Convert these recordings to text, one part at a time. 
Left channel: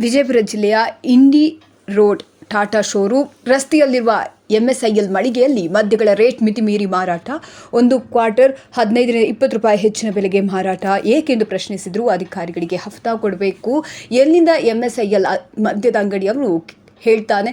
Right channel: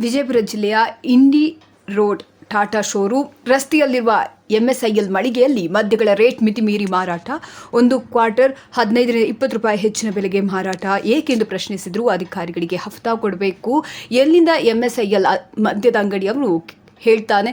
ವಿಜಯಪುರ ಜಿಲ್ಲೆಯ Indi road Tata showroom. ರಸ್ತೆಯಲ್ಲಿರುವ MSIL ಮಳಿಗೆಯಲ್ಲಿ ಮದ್ಯಗಳ ರೇಟ್ ಮಿತಿ ಮೀರಿ ಮಾರಾಟ. ಒಂದು ಕ್ವಾರ್ಟರ್ ಹದಿನೈದರಿಂದ ಇಪ್ಪತ್ತು ರೂಪಾಯಿ ಹೆಚ್ಚಿನ ಬೆಲೆಗೆ ಮಾರಾಟ. ಏಕೆಂದು ಪ್ರಶ್ನಿಸಿದರು ಅಧಿಕಾರಿಗಳಿಗೆ ಹಫ್ತಾ ಕೊಡಬೇಕು. ಎಲ್ಲಿಂದ ಎಂಎಸ್ಐಎಲ್ ಮದ್ಯದ ಅಂಗಡಿಯವರು ಹೇಳ್ತಾನೆ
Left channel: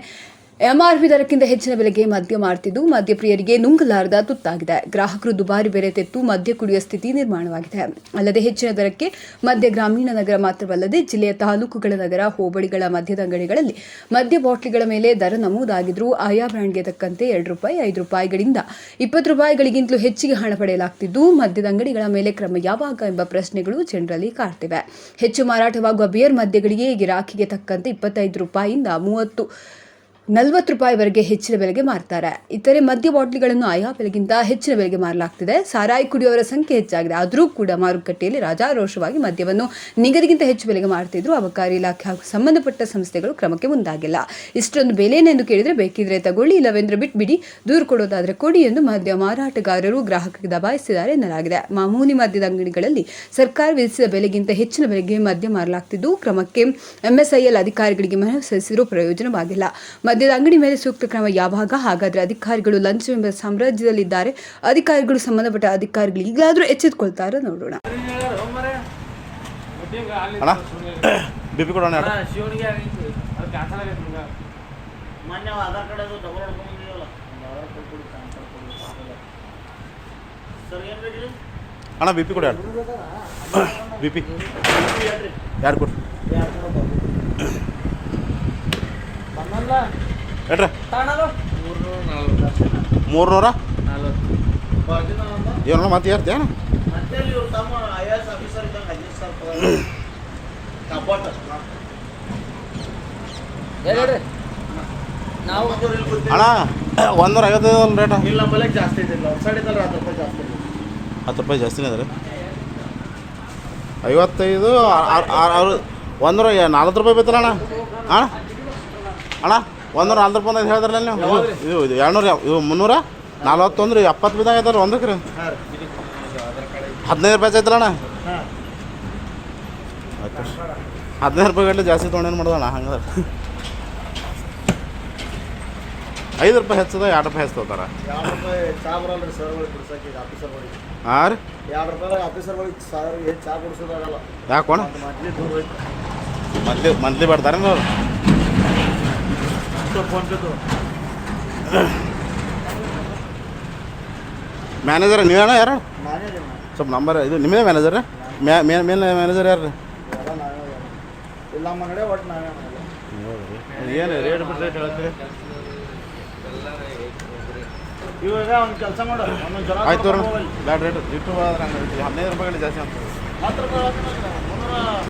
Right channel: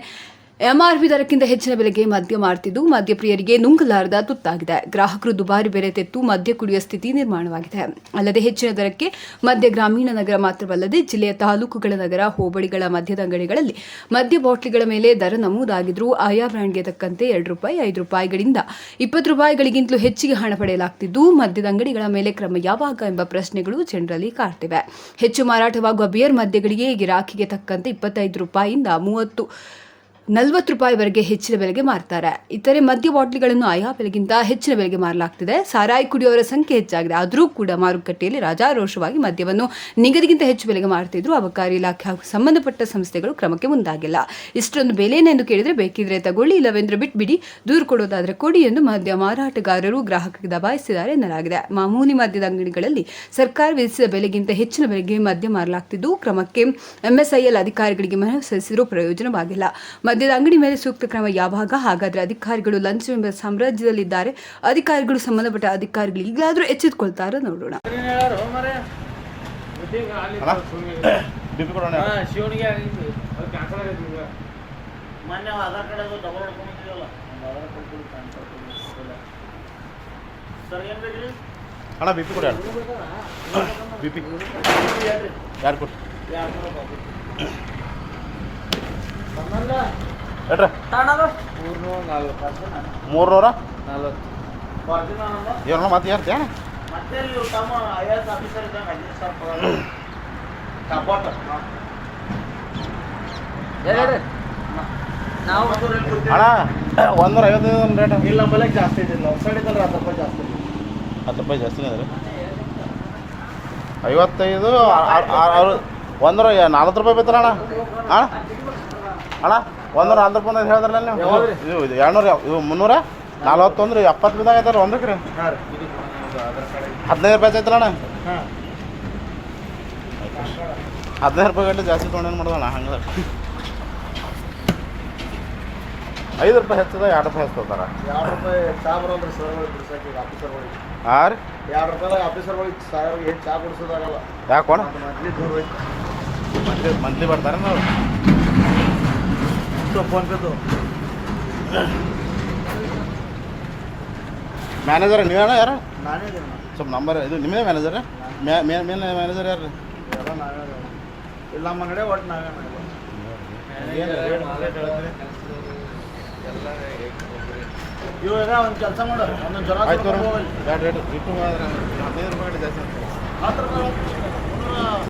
ಎಂಆರ್ಪಿ ದರಕ್ಕಿಂತ ಹೆಚ್ಚಿನ ಬೆಲೆಗೆ ಮದ್ಯ ಮಾರ್ತಿದ್ದು, ಮದ್ಯಪ್ರಿಯರಿಗೆ ನುಂಗಲಾರದ ತುತ್ತಾಗಿದೆ. ಗ್ರಾಹಕರು ದುಬಾರಿ ಬೆಲೆ ತೆತ್ತು ಮದ್ಯ ಕುಡಿಯುವ ಸ್ಥಿತಿ ನಿರ್ಮಾಣವಾಗಿದೆ. ಅಲ್ಲದೆ ಹೆಚ್ಚಿನ ದರಕ್ಕೆ ಮದ್ಯ ಗ್ರಾಮೀಣ ನಗರ ಮಾತ್ರವಲ್ಲದೆ ಜಿಲ್ಲೆಯ ತಾಲೂಕುಗಳ ನಗರ, ಹೋಬಳಿಗಳ ಮದ್ಯದ ಅಂಗಡಿಗಳಲ್ಲಿ ಮದ್ಯ ಬಾಟ್ಲಿಗಳ ಮೇಲೆ ದರ ನಮೂದಾಗಿದ್ರೂ ಆಯಾ ಬ್ರ್ಯಾಂಡ್ಗೆ ತಕ್ಕಂತೆ ಎರಡು ರೂಪಾಯಿ, ಐದು ರೂಪಾಯಿಗಳಿಂದ ಇಪ್ಪತ್ತು ರೂಪಾಯಿಗಳಿಗಿಂತಲೂ ಹೆಚ್ಚಿಗೆ ಹಣ ಪಡೆಯಲಾಗ್ತಿದ್ದು, ಮದ್ಯದ ಅಂಗಡಿಗಳ ಮೇಲೆ ಕ್ರಮ ಯಾವಾಗ ಎಂಬ ಪ್ರಶ್ನೆಗಳು ಜನರಲ್ಲಿ ಕಾಡ್ತಿವೆ. ಹೆಚ್ಚು ಮಾರಾಟವಾಗುವ ಬಿಯರ್ ಮದ್ಯಗಳಿಗೆ ಗಿರಾಕಿಗೆ ತಕ್ಕಂತೆ ಇಪ್ಪತ್ತೈದು ರೂಪಾಯಿಯಿಂದ ಮೂವತ್ತು ನಲವತ್ತು ರೂಪಾಯಿವರೆಗೆ ಹೆಚ್ಚಿನ ಬೆಲೆಗೆ ಮಾರ್ತಾರೆ. ಇತರೆ ಮದ್ಯ ಬಾಟ್ಲಿಗಳನ್ನು ಆಯಾ ಬೆಲೆಗಿಂತ ಹೆಚ್ಚಿನ ಬೆಲೆಗೆ ಮಾರಲಾಗ್ತಿದೆ. ಸಾರಾಯಿ ಕುಡಿಯುವವರ ಸಂಖ್ಯೆ ಹೆಚ್ಚಾಗಿದೆ. ಆದರೂ ಕೂಡ ಮಾರುಕಟ್ಟೆಯಲ್ಲಿ ರಾಜಾರೋಷವಾಗಿ ಮದ್ಯವನ್ನು ನಿಗದಿಗಿಂತ ಹೆಚ್ಚು ಬೆಲೆಗೆ ಮಾರ್ತಿದ್ರು ಅಬಕಾರಿ ಇಲಾಖೆ ಹಾಗೂ ಸಂಬಂಧಪಟ್ಟ ಸಂಸ್ಥೆಗಳು ಕ್ರಮಕ್ಕೆ ಮುಂದಾಗಿಲ್ಲ. ಇಷ್ಟೊಂದು ಬೆಲೆನೆಂದು ಕೇಳಿದರೆ ಬೇಕಿದ್ರೆ ತಗೊಳ್ಳಿ, ಇಲ್ಲವೆಂದ್ರೆ ಬಿಟ್ಬಿಡಿ. ದೂರು ಕೊಡೋದಾದರೆ ಕೊಡಿ ಎಂದು ಮದ್ಯ ಮಾರಾಟಗಾರರು ಗ್ರಾಹಕರಿಗೆ ದಬಾಯಿಸಿದ್ದಾರೆ ಎನ್ನಲಾಗಿದೆ. ಮಾಮೂಲಿ ಮದ್ಯದ ಅಂಗಡಿಗಳಲ್ಲಿ ಸರ್ಕಾರ ವಿಧಿಸಿದ ಬೆಲೆಗಿಂತ ಹೆಚ್ಚಿನ ಬೆಲೆಗೆ ಮದ್ಯ ಮಾರಲಾಗ್ತಿದ್ದು. ಕ್ರಮಕ್ಕೆ ಎಂಎಸ್ಐಎಲ್ ಅಧಿಕಾರಿಗಳಿಗೆ ಮನವಿ ಸಲ್ಲಿಸಿದರೂ ಪ್ರಯೋಜನವಾಗಿಲ್ಲ. ಮದ್ಯದ ಅಂಗಡಿ ಮೇಲೆ ಸೂಕ್ತ ಕ್ರಮ ಯಾವಾಗ ಹಾಗಾದ್ರೆ ಅಧಿಕಾರಿಗಳು ಲಂಚವೆಂಬ ಸಾಮ್ರಾಜ್ಯದಲ್ಲಿದ್ದಾರೆ. ಅಧಿಕಾರಿಗಳು ಸಂಬಂಧಪಟ್ಟ ಅಧಿಕಾರಿಗಳು ಈಗಲಾದರೂ ಎಚ್ಚೆತ್ಕೊಳ್ತಾರೋ ನೋಡೋಣ. ಅಣ್ಣ ಬಿ ಪಿ ಕೊಡ ಬಿ ಪಿ ಯಾರು? ಕೊಡ್ರಿ? ಹೇಳ್ರಿ. ಮೂರ್ನೂರ ಏನೋ ಮತ್ತೆ ಏರ್ತೇನೆ ಅಣ್ಣ ಒಂದೂರ ಐವತ್ತು ರೇಟ್ ಇಲ್ಲ ನಮ್ಮಲ್ಲಿ ಬೆಲೆಗೆ ಜಾಸ್ತಿ ಇದಿಲ್ಲ ಒಂದು ಸೈಡ್ ಇದ್ದಲ್ಲ ಹತ್ತು ರೂಪಾಯಿ ಜಾಸ್ತಿ ಹತ್ತು ರೂಪಾಯಿ ಜಾಸ್ತಿನೇ ಅದ ರೀ. ಐವತ್ತೈದು ಒಂದೂರ ನಲ್ವತ್ತು ರೂಪಾಯಿ ಬೇಕಲ್ಲ ಅಣ್ಣ? ಅಣ್ಣ ಅಣ್ಣ ಒಂದೂರ ಅಂದ್ರ ಹೇಳಿದ್ರಲ್ಲ ನೀವು? ಇದು ಎರಡ್ನೂರ ಇವು ಮುನ್ನೂರ ನಲ್ವತ್ತೊಂದು ರೀ ಎಪ್ಪತ್ತು ಬಿದ್ದಾಗ ಐತಾರ ಒಂದಕ್ಕೆ ರೀ. ಹದಿನೈದು ರೂಪಾಯಿ ಐತಲ್ಲ ಅಣ್ಣ? ಹಾಂ. ಹದಿನೈದು ರೂಪಾಯಿ ಗಂಟೆ ಜಾಸ್ತಿ ತೊಗೊಂಡೇನು ಮಾಡೋದಣ್ಣ ಹಂಗದ? ಐದು ರೂಪಾಯಿ ಹೆಚ್ಚದ ಎರಡು ರೂಪಾಯಿ ಹೆಚ್ಚತಾರ ಎರಡು ರೂಪಾಯಿ ಚಾ ಬರಲ್ರಿ ಸರ್ಗಳಿಗೆ ಬಿಡ್ಸಕ್ಕೆ ಈಗ ಆಫೀಸರ್ಗಳಿಗೆ ಹಾಂ ರೀ. ಎರಡು ರೂಪಾಯಿ ಆಫೀಸರ್ಗಳಿಗೆ ಸಾವಿರ ಏನು ಚಾ ಕುಡಿಸೋದಾಗಲ್ಲ ಯಾಕೋಣ ಮಂತ್ಲಿ ಮಂತ್ಲಿ ಬರ್ತಾರೆ ನೀವು? ಫೋನ್ पे तो ಮ್ಯಾನೇಜರ್ ನೀವೇನ ಯಾರು? ನಾನೇ ಸ್ವಲ್ಪ ನಂಬರ್ ಇದು ನಿಮ್ಮದೇ ಮ್ಯಾನೇಜರ್ ಮೇನ್ ಮೇನ್ ಮ್ಯಾನೇಜರ್ ಯಾರು? ಎಲ್ಲ ನಾವೇ. ಇಲ್ಲ ನಮ್ಮ ಅಂಗಡಿ ಒಟ್ಟು ನಾವೇ ಇವಾಗ ಒಂದು ಕೆಲಸ ಮಾಡು. ಒಂದೊಂದು ಜನ ಆಯ್ತು ಹದಿನೈದು ರೂಪಾಯಿ ಜಾಸ್ತಿ ಹತ್ತು ರೂಪಾಯಿ